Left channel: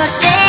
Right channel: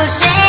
Pushing